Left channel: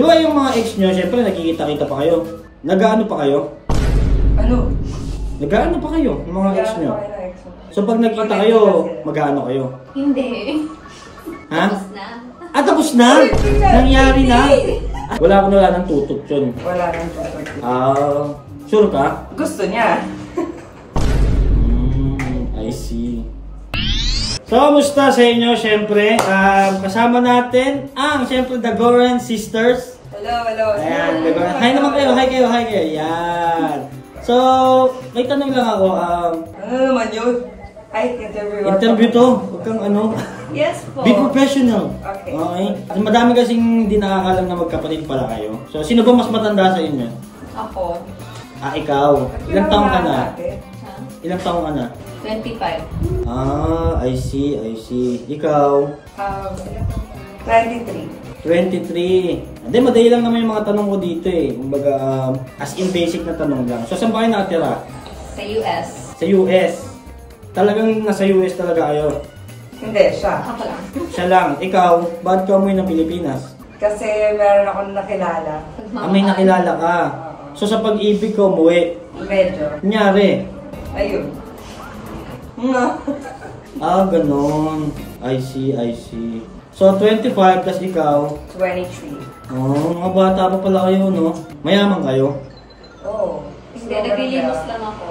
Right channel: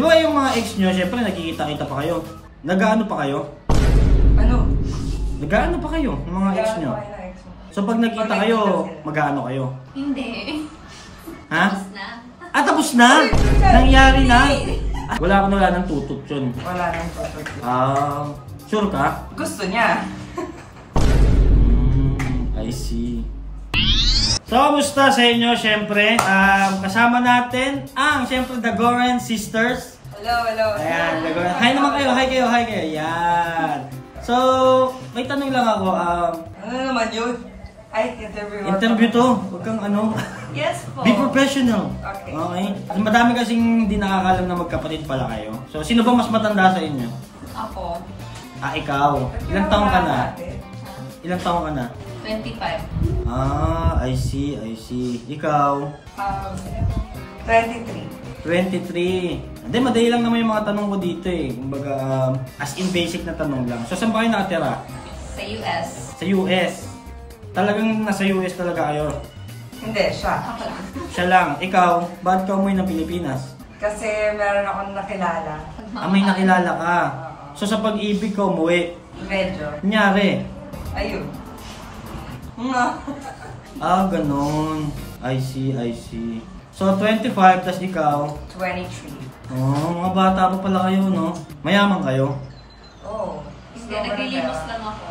Di ba yung mga ex nyo, syempre nagkikita-kita pa kayo. Nag-ano pa kayo? Ano? Nag-ano pa kayo, ng mga ex nyo? So pag nagkita kayo, mag-ano kayo? Hindi. Ha? Tapos na. Ah, tapos na? Nangyari na? Wala ng tutok yun. Wala nang tutok. Sure ka? Gusto niya. I see. So, kamusta sa inyo? Siyempre, kasama natin ang, siyempre, The Goren Sisters. Hello. Ayan, The Goren. Hi naman kayo, hi kayo. Ayan. So, may tanong lang ako. Ano naman yun? Ay, Interview to. Huwag kang ano. Yes po. Be professional. Okay. Kasi madami kasing hindi nakakalam na magkapatid pala kayo. So, sino ba mas matanda sa inyo? Ako. Ikaw. Ilang taong ka na? Ilang taong ka na? 25. I see. Ikaw? 23. 23. Hindi, madali lang naman yung mga tanong ko dito eh. Kumbaga, as in basic na tanong lang. So, saan ba kayo nakatira? Sa US. Sa US. Talagang nasa US talaga kayo? Hindi, siya. Ako lang. Siya lang. Ikaw, ba't ka umuwi ng Pilipinas? Kasi meron akong nakilala. May nakilala ka. So, sa pag-ibig ko umuwi. Medyo. Kunyari. Ayun. Ganun. I see. So, 25, tas ikaw? 23. Mga bata pa pala kayo, no? Mayaman kayo? Oo. Hindi, naglilimos lang ako.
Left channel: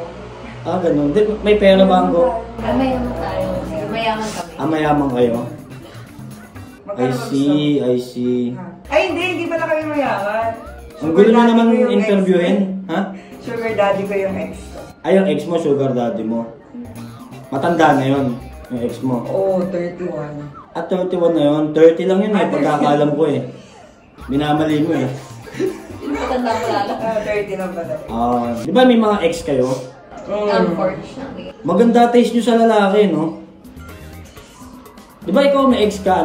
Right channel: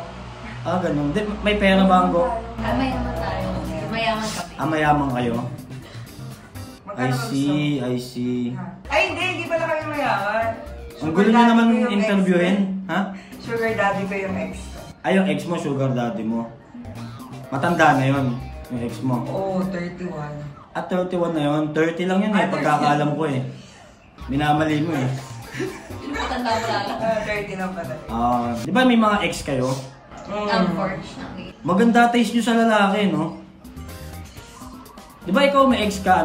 Ganun. May pera ba ang go? Mayaman tayo. Mayaman kami. Mayaman kayo? I see. Ay, hindi pala kami mayaman. Ang gulo nyo naman interviewin, ha? Sugar daddy ko yung ex ko. Ay, yung ex mo, sugar daddy mo. Matanda na yun, yung ex mo. Oo, 31. At 31 na yun, 30 lang yun eh, pagkakaalam ko eh. Minamali mo eh. Matanda ko lang. 30 lang pala. Di ba may mga ex kayo? Unfortunately. Maganda taste nyo sa lalaki, no? Di ba ikaw may ex ka,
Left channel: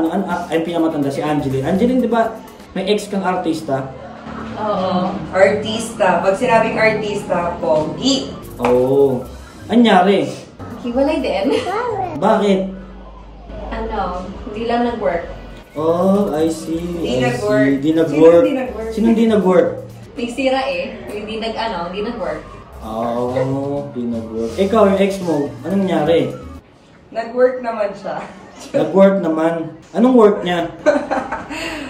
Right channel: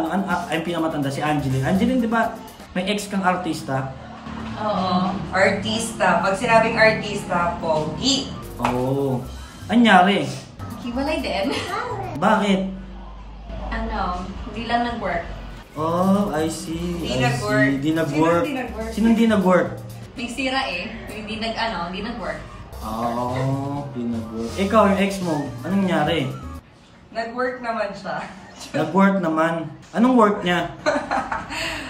ay pinakamatanda, si Angeline. Angeline, di ba may ex kang artista? Oo. Artista. Pag sinabing artista, pogi. Oo. Anyari? Hiwalay din. Bakit? Hindi lang nag-work. I see. Di nag-work. Sino hindi nag-work? Nagsira eh. Hindi nag-work. Di nag-work. Ikaw, yung ex mo, anong nangyari? Nag-work naman siya. Nag-work naman. Anong work niya?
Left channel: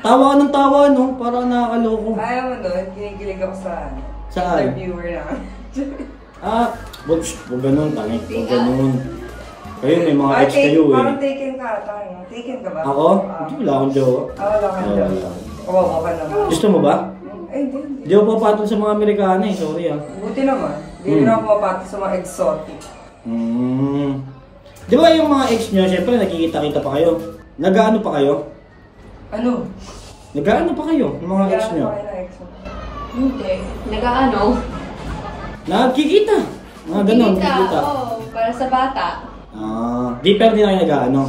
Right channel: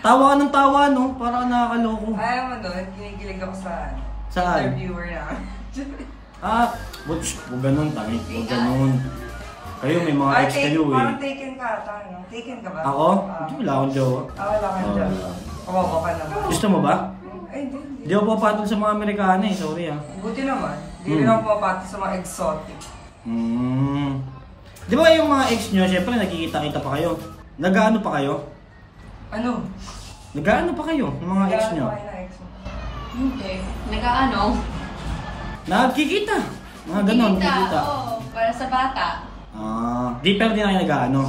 Tawa ka ng tawa, no? Para nakakaloko. Alam mo doon, kinikilig ako sa Saan? interviewer na. Huwag ganun, tangik. Huwag ganun. Kayo, may mga ex kayo eh. Parang taken ka, tayo. Taken ka ba? Ako? Hindi, wala akong jowa. Wala akong jowa. Oo, ka naman. Gusto mo ba? Ay, hindi. Hindi ako papatol sa mga Amerikano eh. Sorry ah. Buti naman. Hindi rin ako mapati sa mga exotic. Di ba yung mga ex nyo, syempre nagkikita-kita pa kayo. Nag-ano pa kayo? Ano? Nag-ano pa kayo, ng mga ex nyo? Hindi. Nagkikita. Mga ganon, kikita. Oo, para sa bata. Di pero di na kayo nag-ano?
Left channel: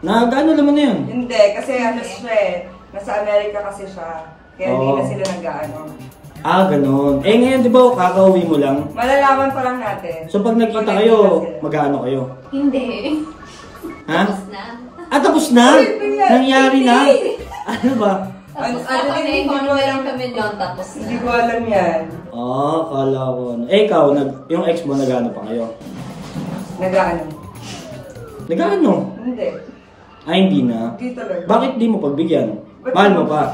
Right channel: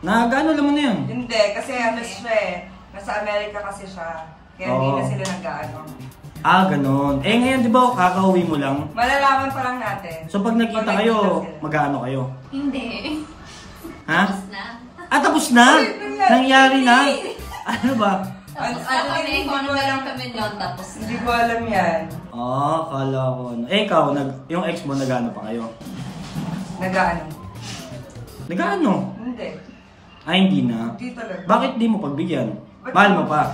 Nag-ano naman na yun? Hindi, kasi ano siya eh. Nasa Amerika kasi siya. Kaya hindi na sila nag-ano. Ganon. Ngayon di ba kakauwi mo lang? Malalaman pa lang natin. So pag nagkita kayo, mag-ano kayo? Hindi. Ha? Tapos na. Tapos na? Nangyari na? Ano ba? Hindi ko alam kami doon tapos na. Hindi ko alam yan. Kala ko. Ikaw, yung ex mo, nag-ano pa kayo? Nag-ano? Nag-ano? Hindi. Hindi na? Hindi talaga. Bakit di mo pagbigyan? Mahal mo pa?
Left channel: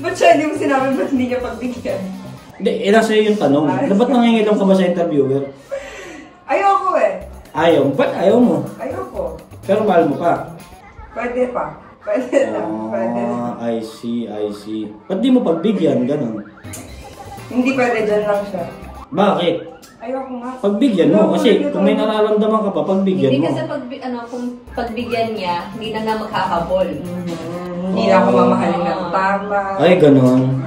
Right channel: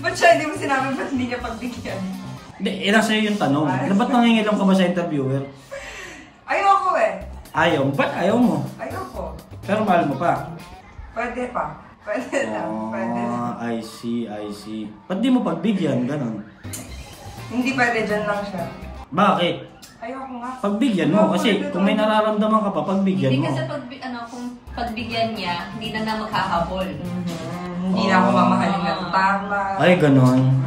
Ba't siya hindi mo sinabi ba't hindi niya pagbigyan? Hindi, nasa iyo yung tanong. Ba't nangingilong ka ba sa interviewer? Ayoko eh. Ayaw mo? Ba't ayaw mo? Ayoko. Pero mahal mo pa? Pwede pa. Pwede lang. Pwede lang. I see. Ba't di mo pagbigyan? Ganon. Hindi pwede, dyan lang siya. Bakit? Ayoko nga. Pagbigyan mo. Kasi kung may nararamdaman ka pa, pagbigyan Hindi mo. kasi kung pagbigyan niya, hindi na makakahabol. Hindi na ako mamahalin ng tama. Ay, ganon.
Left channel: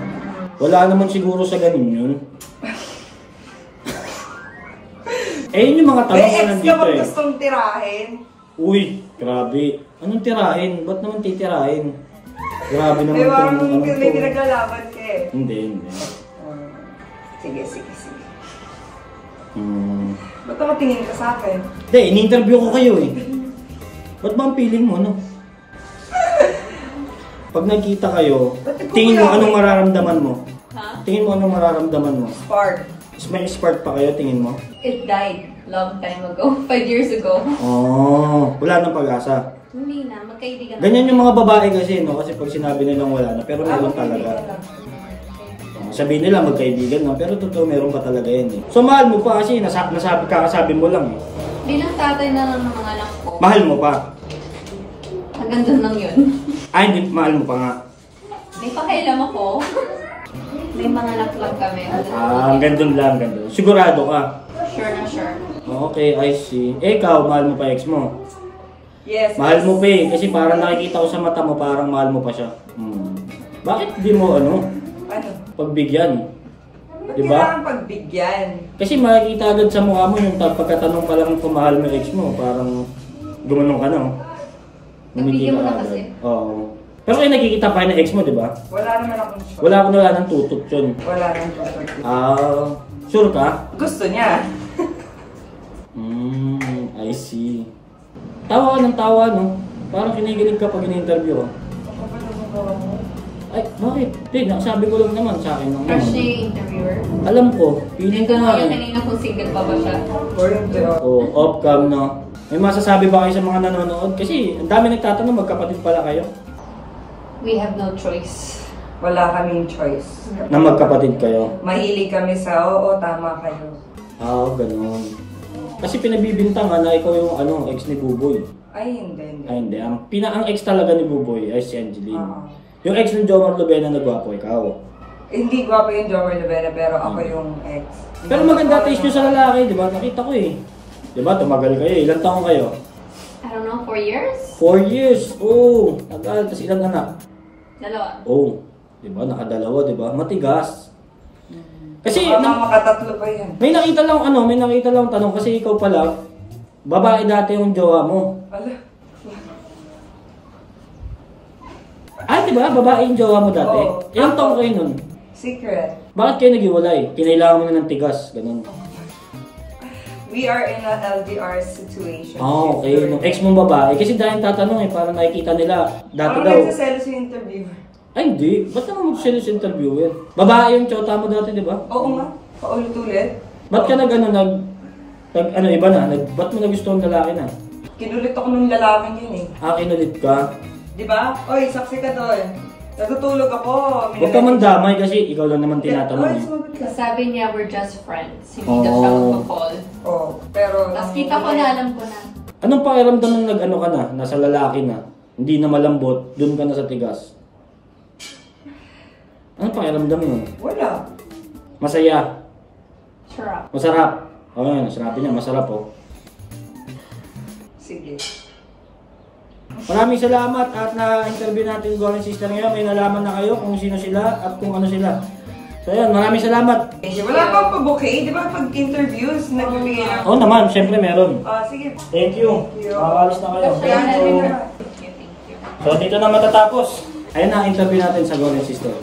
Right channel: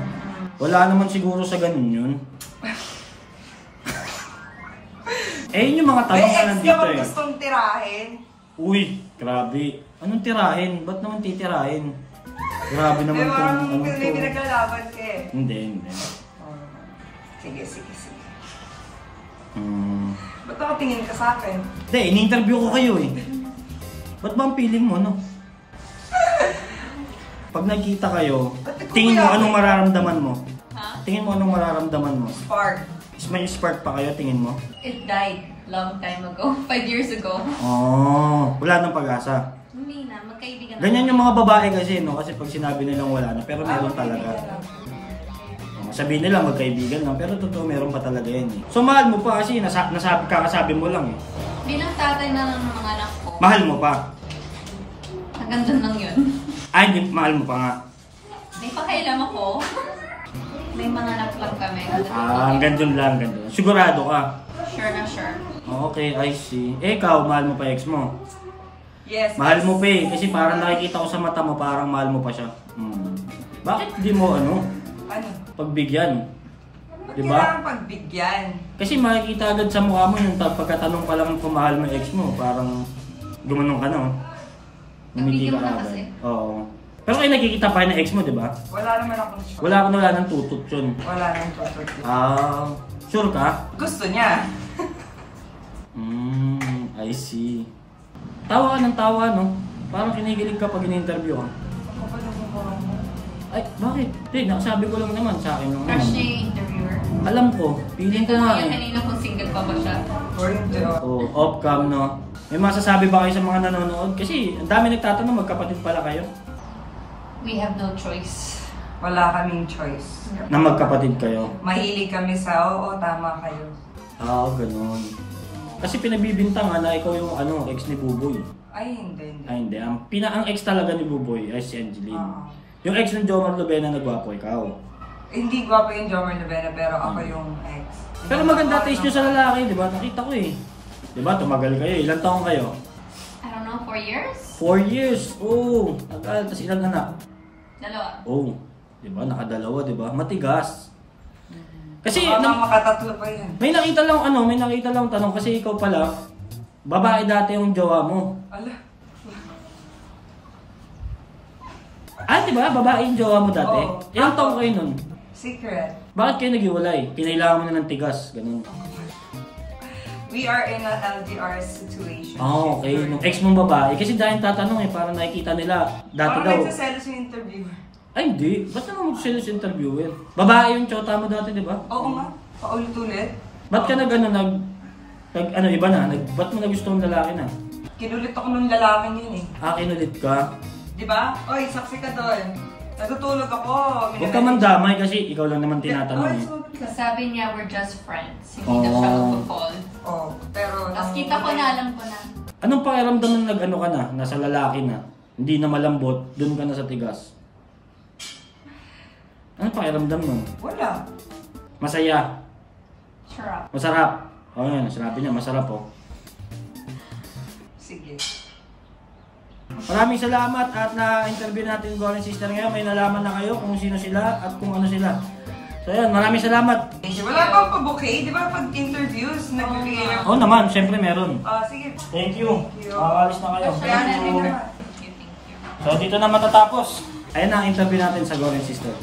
Wala naman siguro sa ganon yun. Yun yung mga tanong na nandito eh. May ex gustong tirahin. Uy, grabe. Anong tirahin? Ba't naman titirahin? Grabe naman itong ano to. May pinaglalaban ka eh. Hindi. Sige. Ba't nakatingin ka sa akin? Hindi, in-interview ko kayo eh. Ba't ba ang feeling mo, no? Pag nagkita kayo, tingin mo anong mararamdaman mo? Ha? Tingin mo anong mararamdaman mo? Spark. May spark pa kayo, tingin mo? It died long time ago. 5 years ago. Oh, wala nang pag-asa. Hindi na, magkaibigan na. Ganyan yung mga babae kasi, no? Kasi pag sinabi nilang wala na, pero meron talaga. Sabihin nila magkaibigan lang, pero totoo meron pa talaga yan eh. So mahal mo pa kasi, kakasabi mo lang eh. Bilang tatay na ng mga anak ko. Mahal mo pa? Hanggang dun lang yun. Ay, hindi, mahal mo pa nga. May pakailam ako. May mga anak lang kami. Hanggang dun lang, hanggang dun. Sigurado ka? Sure na sure. Okay, I see. Eh, ikaw, mahal mo pa ex mo? Yes. Mahal mo pa eh, kasi parang nakikita ko sa mata mo, parang mahal mo pa siya. Bakit di mo Ano? pagbigyan? Diba? Kailangan pagbigyan. Kasi makikita agad sa mukha mo yung pagkatanong pa lang kung mahal mo yung ex mo, parang gumanong ka na. Nabigyan mo na agad. kasi. Oo. Pero kayo nagkikita pa ng ex mo, di ba? Wala naman akong choice. Wala nang tutok yun. Wala naman choice. Sure ka? Gusto niya. I see. Tawa ka ng tawa, no? Parang kinikilig ka pag in-interview ka. Ay, bakit? Hindi, nakasabi ko lang naman sa akin lang Crush naman. niya yung interviewer. Alam ko, feeling ko nga Yung eh. kanina kung single pa ba siya. Oh, off-cam, no? May masasabi ba kayo sa mga nanonood? Kasi ang dami nagtatanong, magkapatid pala kayo. We have no choice. Wala kaming choice. Na magkapatid kayo. Mahilig kami sa, oo, tama kayo. Ganun. Kasi pinabibintangan na ikaw yung ex ni Buboy. Ay, hindi. Ay, hindi. Ang ex talaga ni Buboy ay si Angeline. Oo. Yung ex ng Jomar Lubena na gwapo, ikaw. Hindi gwapo yung Jomar Lubena, pero ako yung ex. Pero maganda taste nyo sa lalaki, di ba? Nakita ko eh. Di ba? Tumagal kayo. Ilan taong kayo? I don't know, 4 years? 4 years. Oh, tagal. Tapos ilang anak? 2. Oh, di ba? Nakadalawa, di ba? Matigas. Kasi makatatlo pa yan. may nakita lang tanong kasi ikaw pala, babae dati yung jowa mo. Ala. Di ba? Babae yung jowa mo dati. Oo. Ilang taong kayo nun? Secret. Bakit kayo naghiwalay? Kinailangan mo na ng tigas, ganun. We are in a LDR situation. Okay. Nung ex mong babae, kasi dahil tatanong parang nakikita nila, dati daw. nagsaselos yung interview. Ay, hindi. Ba't naman mag-selos interviewer? Babae yung tsota mo dati, di ba? Oo nga. Paulit-ulit. Ba't ka iba na? Ba't mo nagustuhan lalaki na? Kinulit ako ng lalaking yun eh. Kinulit ka? Di ba? Oy, saksi ka doon. Natutulog ako. Huwag ka man damay kasi ikaw lang naman tinatanong eh. Sabi niya, we're just friends. Hindi na siya mag-call. Oo. Pero... Tapos kita ko na, alam ko na. Anong pakiramdam nang nag-ano ka na? Nasa lalaki na? Hindi na malambot, dun ka na sa tigas? Anong pakiramdam mo? Wala. Masaya? Sarap. Masarap? Yun, sinabi niya, masarap Sige. Maraming salamat at na-interview natin Goren Sister ngayon. May nalaman na kayo kung sino sila at kung ano sila. So yun, maraming salamat. Wala pa pa-bouquet? Di ba pag interviews, nagbibigay na? Oo naman, syempre meron. Sige. Thank you. Makalis na kayo. Kaya na rin na. So dito na matatapos. Ayan na, interview natin sa Goren Sister.